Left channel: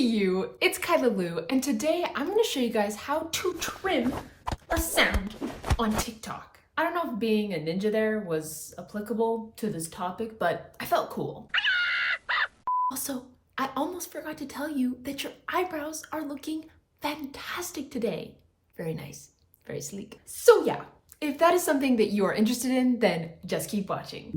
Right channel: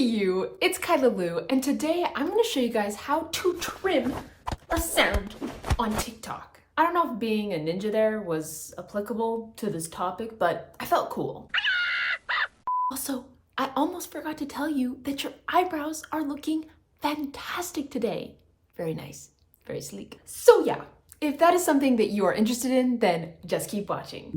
you, it's Kyla Lou, and today I'm going to show you guys how to trim a sound on TikTok. I don't know if being a ninja there was applicable to this topic, but I felt cool. Also, I almost forgot to tell you that your eyebrows are looking fantastic today. Very nice, very sleek. So yeah, if that is something that you are interested in, then just keep watching.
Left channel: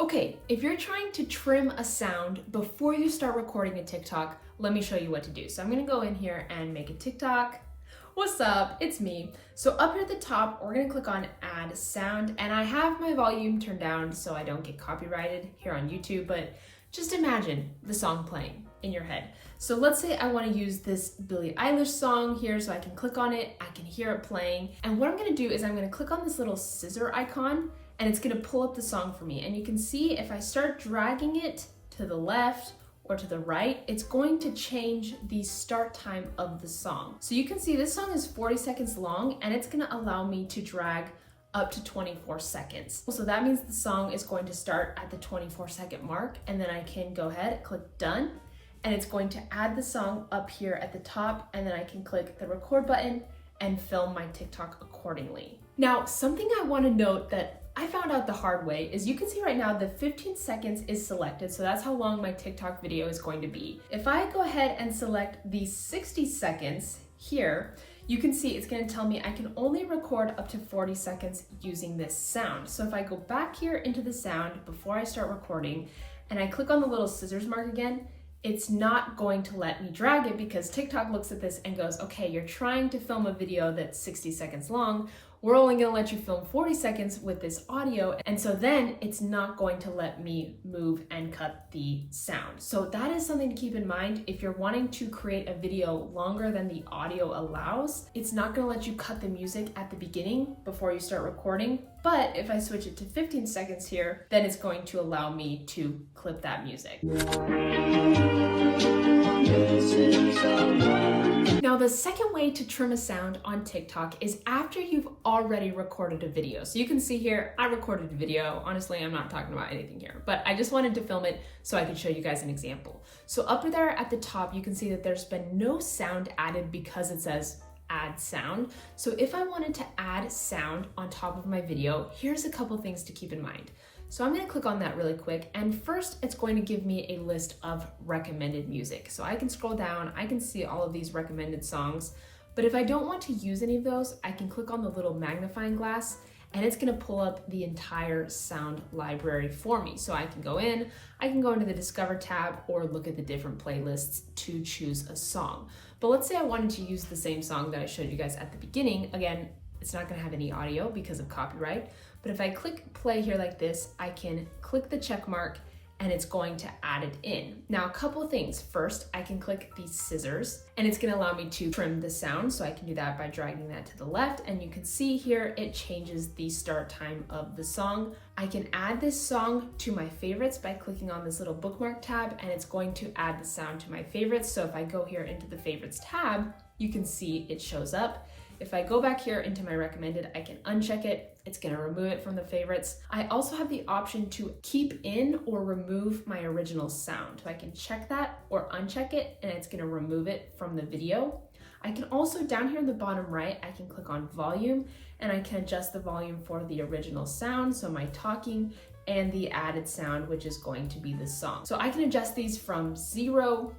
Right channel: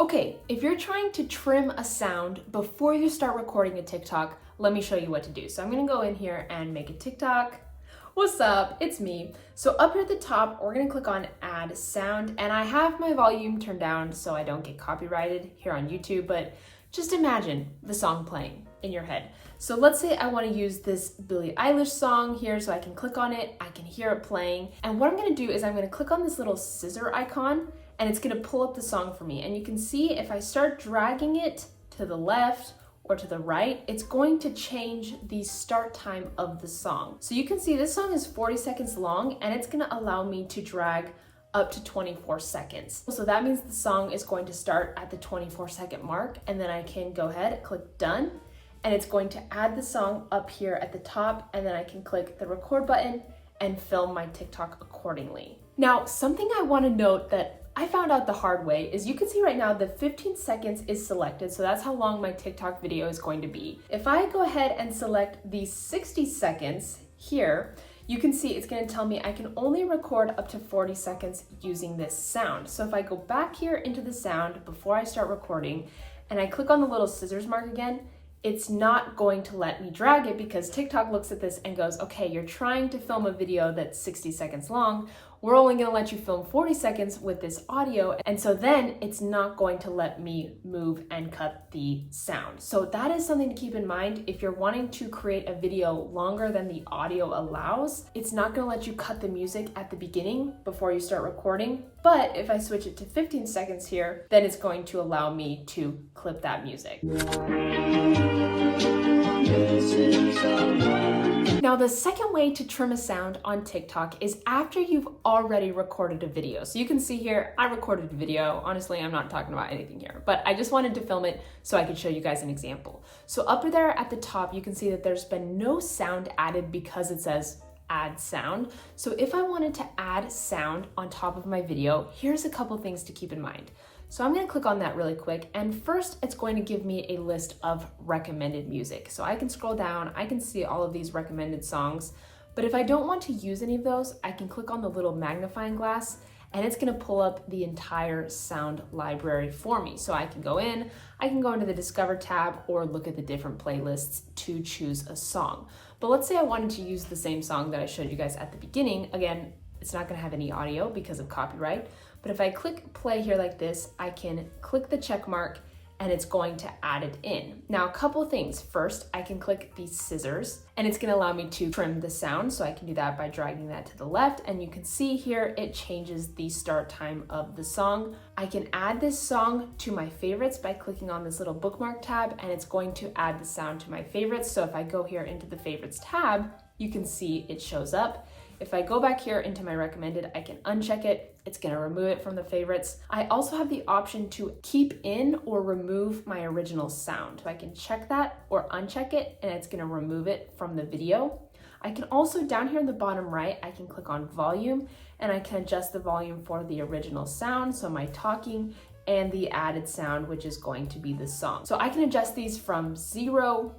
Okay, if you're trying to trim a sound before you start recording a TikTok, let me show you what to do. So I'm gonna go in here and make a TikTok. What's up? It's me. So up here at the top, we're gonna click on add sound, and I have my volume turned down so I don't get copyrighted here on YouTube, but just imagine the song playing in your head. So let's say I want to use this Billie Eilish song here, so I can click on it, I can hear it playing, and what I'm going to do is I'm going to click on this little scissor icon, and it's going to pull up the song for me. And you can see if I start dragging it to the left or to the right, it's going to change the start time of the song. So you can see this song is 40 seconds long, and it's going to allow me to drag up to 24 seconds. So that means the song is going to start at the 24-second mark, and then I can go ahead, click done, and it's going to add the song up here at the top, and then I can click the record button and film my TikTok accordingly. Now, something I want to note that I found out the hard way is you can see right now the 15 seconds is selected, so that's how long my TikTok video is going to be. If I go ahead and select the 60 seconds here, you can see it's going to tell me I can only record up to 40 seconds using this sound. So if I go back here into the sound before I start recording and I click on the little scissors mark again, it's not going to let me drag it because TikTok looks at this and goes, okay, you're trying to film a video that's 60 seconds long. We're only gonna let you film 40 seconds with this audio. And so then it's not going to let me move and cut the sound. So that is something to keep in mind. If you're wanting to create a video longer than the audio allows, it's not gonna let you cut the music at the beginning before you start recording. But if I switch it to 15 seconds here, then it's going to allow me to clip that music. Now, the second way to trim a sound on TikTok is after you've already recorded a video. So you can see here, I recorded a video. Honestly, I'm not talking about anything here, but I just wanted to film it so I could show you guys an example. So up there at the top, you can see that there's been no sound added because it says add sound. So if I wanted to add sound on top of my video, here's a couple things to keep in mind. So I'm going to click on that really quick, and first it's going to give me a list of recommended music. So I can scroll down, I can see all of these recommended songs, but if I don't want to use any of those, I can click on the little magnifying glass and it's going to pull up the entire sound library for me. So I can go in, I can go into the Discover tab or look at the different playlists to choose a song. But let's say I wanted to use the same song that I showed you guys at the beginning. Again, it's not going to have any audio because of copyright. But if I click play here like this, I can click the check mark and it's going to add it in. Now, a couple things. First, I can click the scissors and it's gonna allow me to trim the sound. So I can do that by dragging that to the left, and you can see here, it changes the start time of the song. I can add this song to my favorites by clicking on this little bookmark tab, and it's going to add the sound to my favorites. So if I go here into the favorites tab, you can see it shows up. If I go back here into my recommended, I can uncheck it. It's gonna remove it from the favorites. I also have the option to keep in or remove my original sound. So I can check that or uncheck it, and it's gonna remove it from the video. I can also, down here in the bottom right, I can click on volume, and I can adjust the volume for the original sound, so my talking, and the added sound, which is going to be the song. So I can adjust these from 0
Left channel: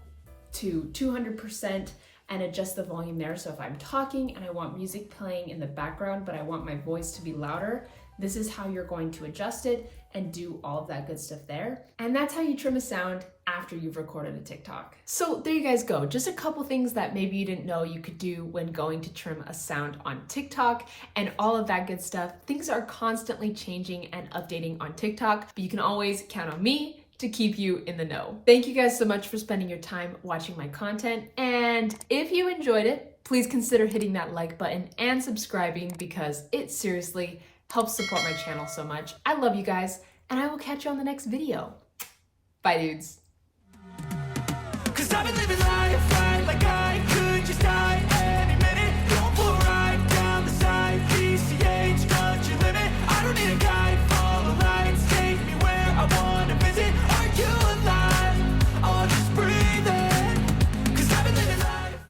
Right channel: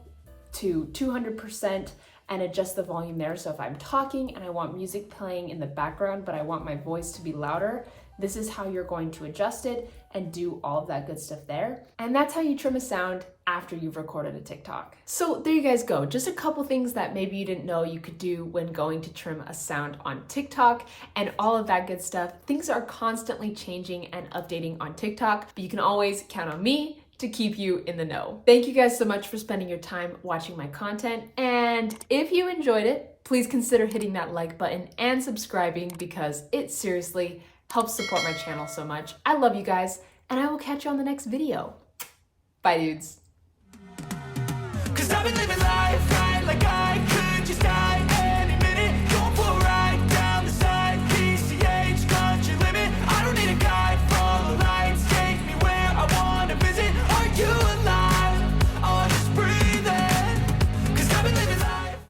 to 200%, and adjust the volume there. So if I'm talking and I want music playing in the background, but I want my voice to be louder, this is how you're going to adjust it and do all of that good stuff there. And that's how you trim a sound after you've recorded a TikTok. So there you guys go. Just a couple things that maybe you didn't know you could do when going to trim a sound on TikTok and all of that good stuff. Things are constantly changing and updating on TikTok, but you can always count on me to keep you in the know. Thank you guys so much for spending your time watching my content. And if you enjoyed it, please consider hitting that like button and subscribing because it seriously helps support my channel so much. I love you guys, and I will catch you on the next video. Bye, dudes. 'Cause I've been living life right like I could just die